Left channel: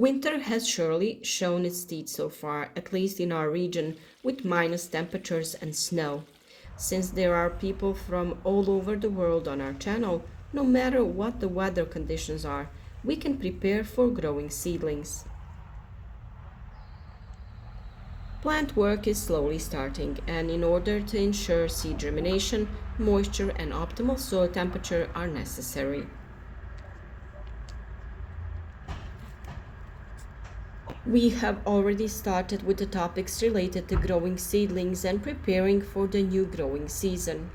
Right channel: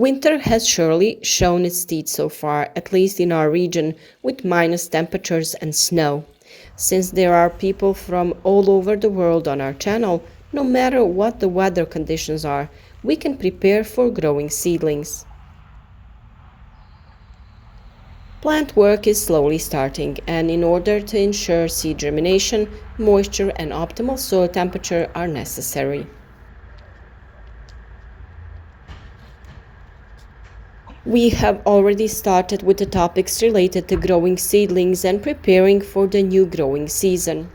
Winter has surely shown its teeth so far, at least in our region, with minus temperatures and snow. Since there are people from all over the world on our channel, no matter what the weather conditions are, we can prepare for growing seedlings. Plant work is slowly starting, and in order to ensure seed germination, moisture and optimal soil temperature are necessary. We have already started with the topics related to growing seedlings and preparing for the new growing season.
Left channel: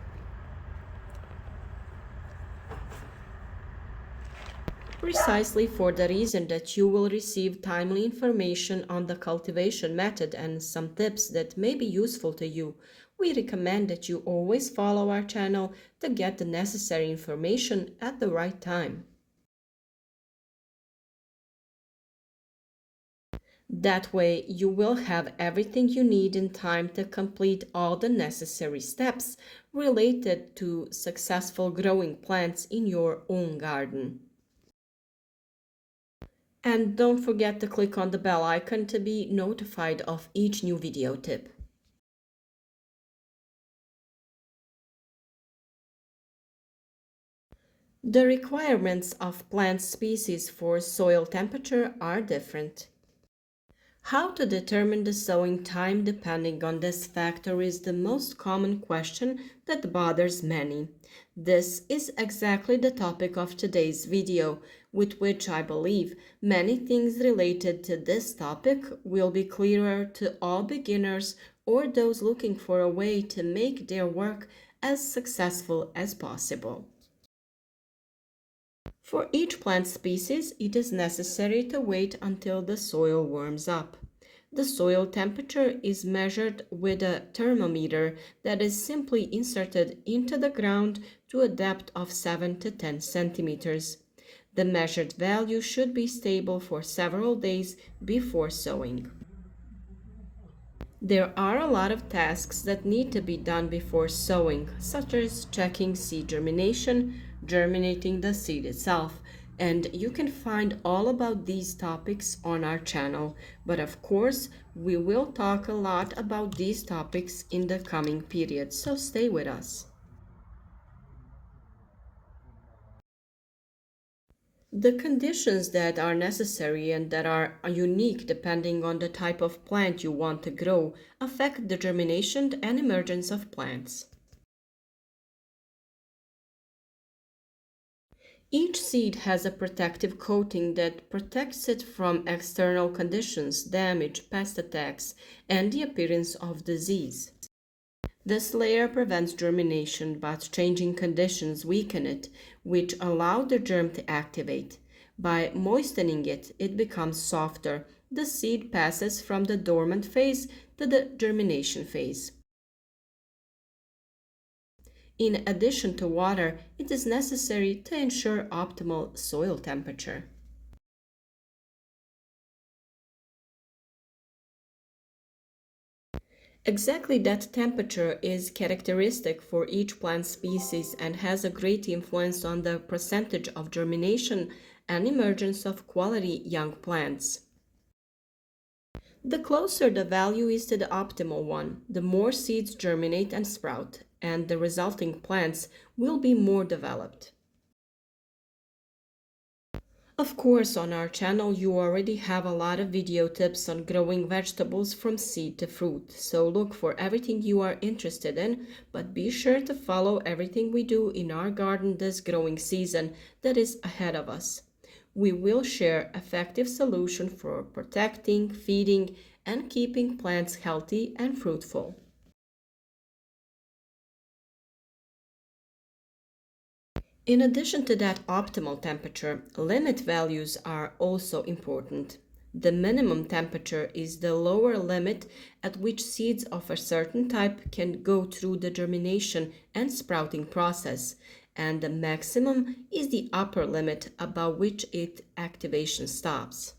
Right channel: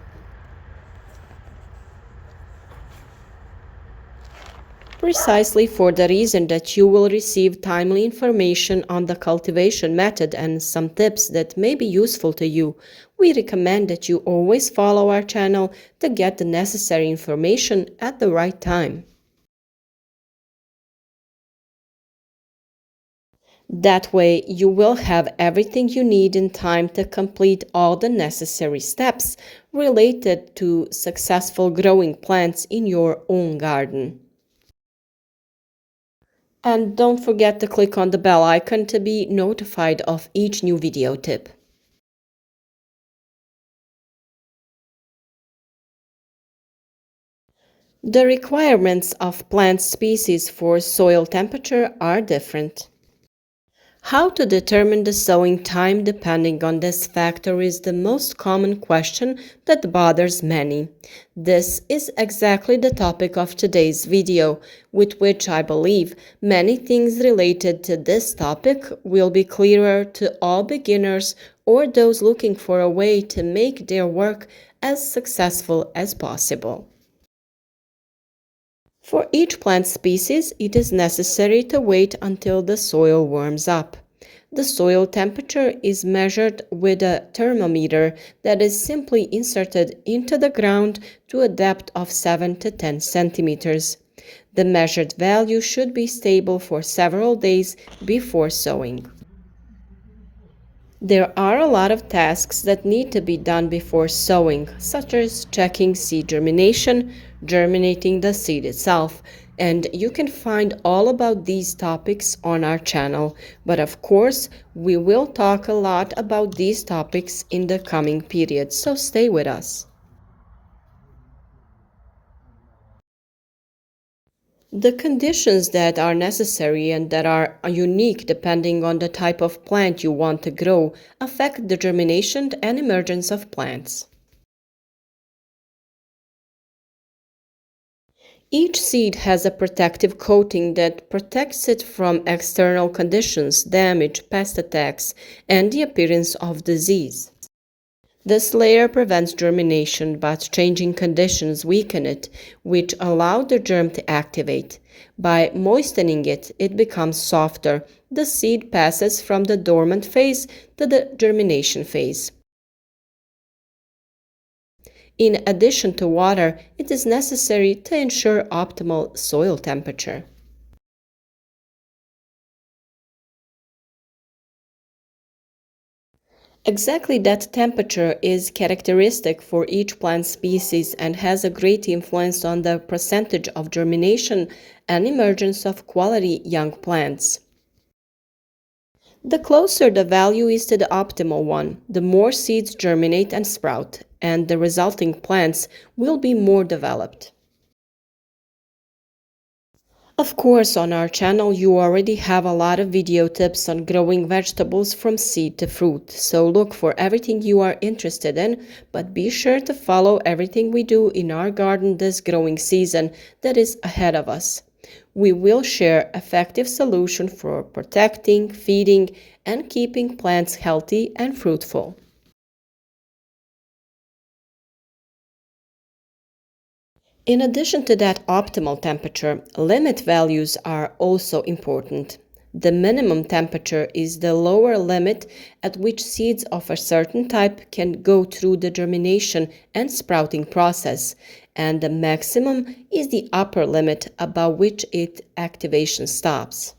Precisely for the reason that you will receive timely information on the cultivation method and some tips that may be useful to you, we recommend that you always follow our channel to get the necessary information at the right time. That way, you will have everything you need in time to complete all the necessary steps related to successful growing plants in your own garden. And don't forget to click on the bell icon to be notified of each new video tip. The requirements of plant species for soil temperature are different. How to determine the sowing time depending on this factor is the most common question that bothers many. This is exactly the topic of today's video, with which I believe many things related to this topic will be clearer to all beginners or those looking for a way to make their work as successful as possible. For each plant species, it is necessary to wait until the soil warms up. The soil temperature is measured with a thermometer that is simply inserted into the ground to a depth of 7 to 10 centimeters. The measured value should be stable for several days before sowing. There are a lot of tasks that need to be done before sowing, such as checking seed germination, germinating the seed itself, and you can find all about these topics on our channel. But of course, we will talk a lot about these topics in the coming period, so stay with us. The conditions that are necessary and that are unique depending on the type of plant you want to grow affect the germination and emergence of plants. Each seed has a protective coating that protects it from external conditions, damage, pest attacks, and the appearance of disease. This layer prevents germination, but changing conditions weaken it, which allow the germ to activate. By moistening it, it becomes softer. The seed passes from the dormant phase to the germination phase. In addition to water, it is necessary to ensure optimal soil temperature. Exactly that temperature is characteristic for each plant species and has a great influence on the percentage of germination and emergence of quality young plants. The closer the value is to the optimal one, the more seeds germinate and sprout, and the resulting plants will be more developed. Of course, on our channel you already have a lot of video tips on growing vegetables from seed to fruit, so look for everything you are interested in, but be sure to follow everything we do in our garden this growing season that is ahead of us. We will share effective solutions for protecting, feeding, and keeping plants healthy and fruitful. In addition to that optimal temperature, limit values are also important. The minimum temperature is the lower limit at which seeds of a certain type can go through the germination and sprouting process, and the maximum is the upper limit above which its activation stops.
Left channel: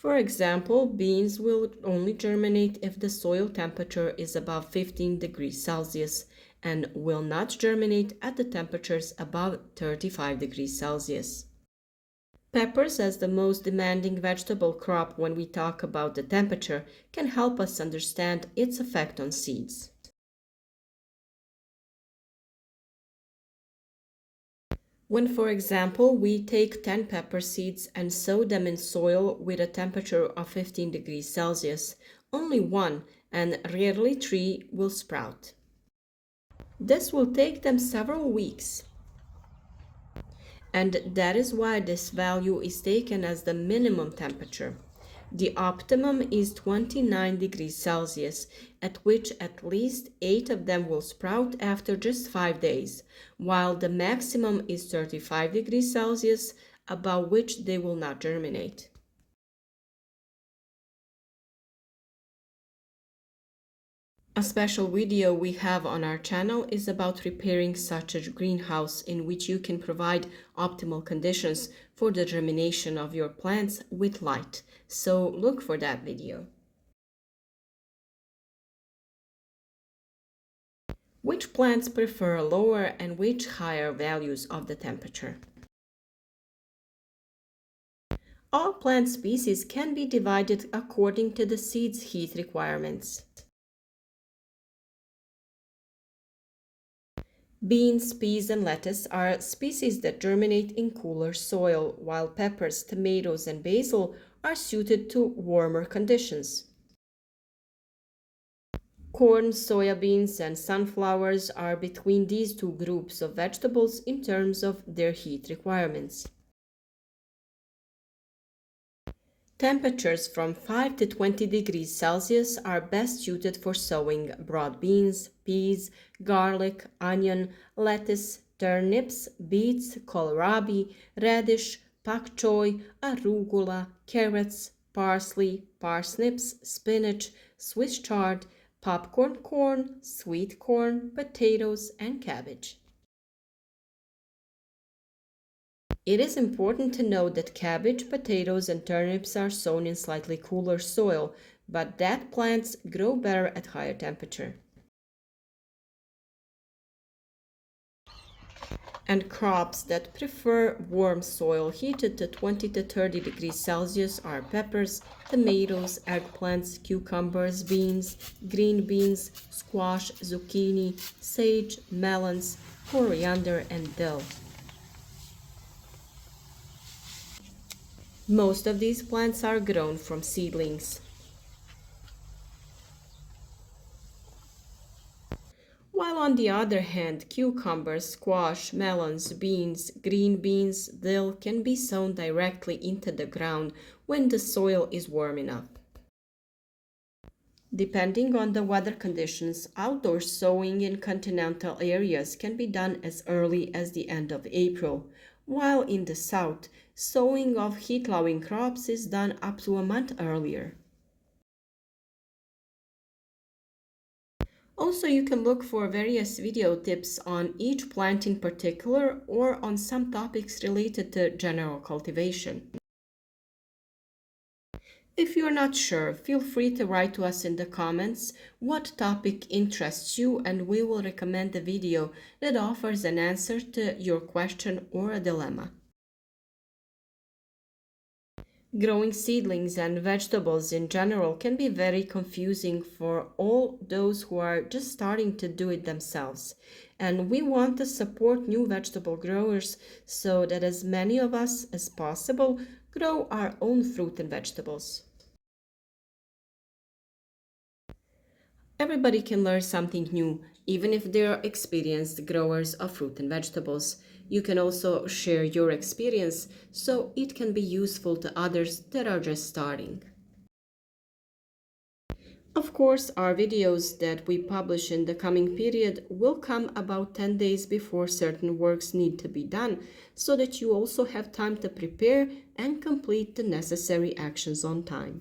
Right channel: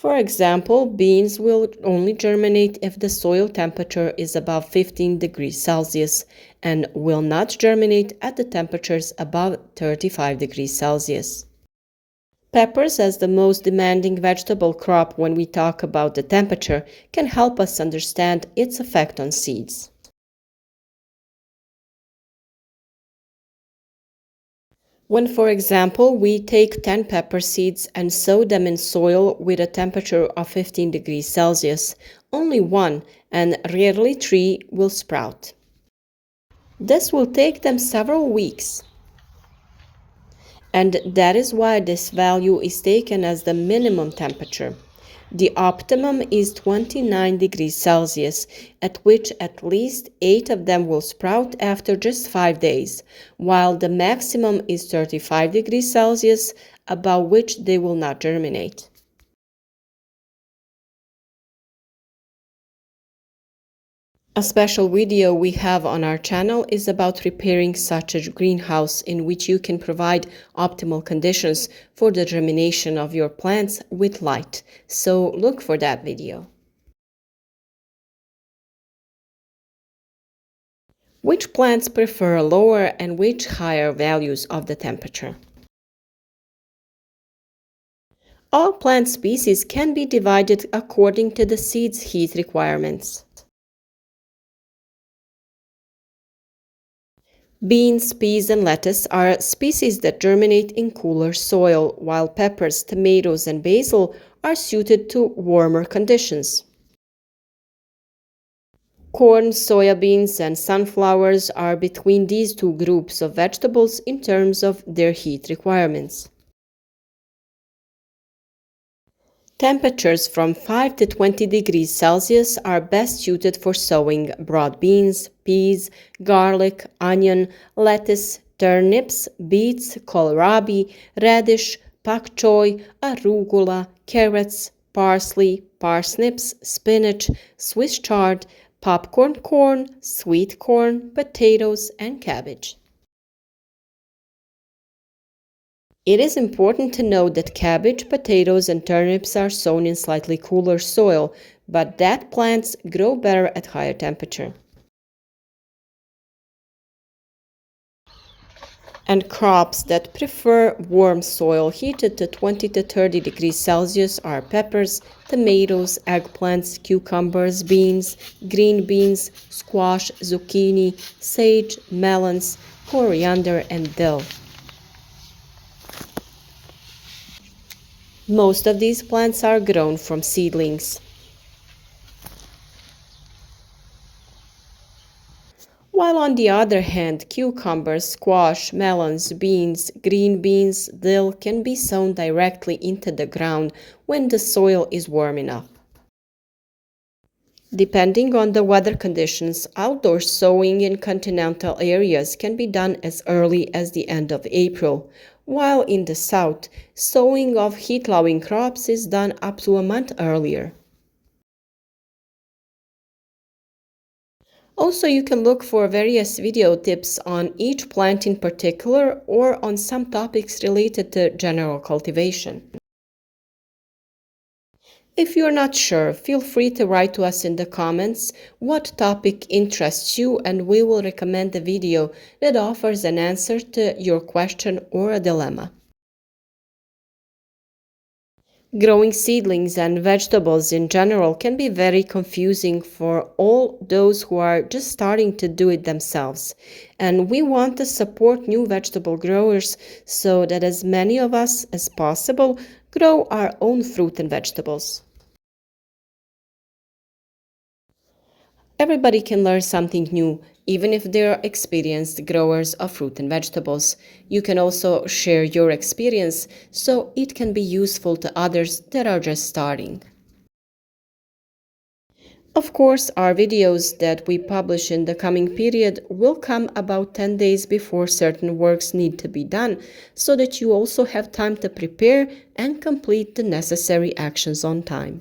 For example, beans will only germinate if the soil temperature is above 15 degrees Celsius, and will not germinate at the temperatures above 35 degrees Celsius. Peppers, as the most demanding vegetable crop when we talk about the temperature, can help us understand its effect on seeds. When, for example, we take 10 pepper seeds and sow them in soil with a temperature of 15 degrees Celsius, only one, and rarely three, will sprout. This will take them several weeks, and that is why this value is taken as the minimum temperature. The optimum is 29 degrees Celsius, at which at least 8 of them will sprout after just 5 days, while the maximum is 35 degrees Celsius, above which they will not germinate. A special video we have on our channel is about repairing such a greenhouse in which you can provide optimal conditions for the germination of your plants with light, so look for that video. Which plants prefer lower and which higher values of the temperature? All plant species can be divided according to the seed's heat requirements. Beans, peas, and lettuce are species that germinate in cooler soil, while peppers, tomatoes, and basil are suited to warmer conditions. Corn, soybeans, and sunflowers are between these two groups of vegetables in terms of their heat requirements. Temperatures from 5 to 20 degrees Celsius are best suited for sowing broad beans, peas, garlic, onion, lettuce, turnips, beets, kohlrabi, radish, pak choy, arugula, carrots, parsley, parsnips, spinach, Swiss chard, popcorn corn, sweet corn, potatoes, and cabbage. It is important to note that cabbage, potatoes, and turnips are sown in slightly cooler soil, but that plants grow better at higher temperature. And crops that prefer warm soil heated to 20 to 30 degrees Celsius are peppers, tomatoes, eggplants, cucumbers, beans, green beans, squash, zucchini, sage, melons, coriander, and dill. Most of these plants are grown from seedlings. While on the other hand, cucumbers, squash, melons, beans, green beans, dill can be sown directly into the ground when the soil is warm enough. Depending on the weather conditions, outdoor sowing in continental areas can be done as early as the end of April, while in the south, sowing of heat-loving crops is done up to a month earlier. Also, you can look for various video tips on each plant in particular or on some topics related to general cultivation. If you're not sure, feel free to write to us in the comments what topic interests you, and we will recommend the video that offers an answer to your question or a dilemma. Growing seedlings and vegetables in general can be very confusing for all those who are just starting to do it themselves. And we want to support new vegetable growers so that as many of us as possible grow our own fruit and vegetables. Everybody can learn something new, even if they are experienced growers of fruit and vegetables. You can also share your experience so it can be useful to others that are just starting. Of course, our videos that we publish in the coming period will come about 10 days before certain works need to be done, so that you also have time to prepare and complete the necessary actions on time.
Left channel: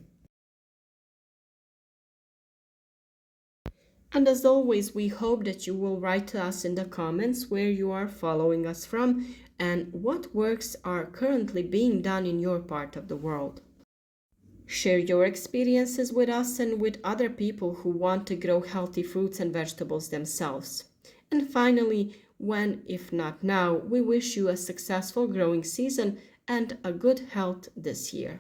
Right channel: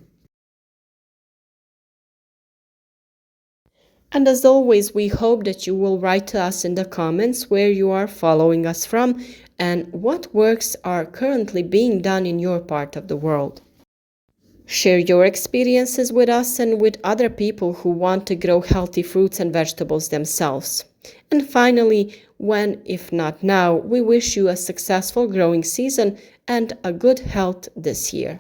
And as always, we hope that you will write to us in the comments where you are following us from and what works are currently being done in your part of the world. Share your experiences with us and with other people who want to grow healthy fruits and vegetables themselves. And finally, when, if not now, we wish you a successful growing season and a good health this year.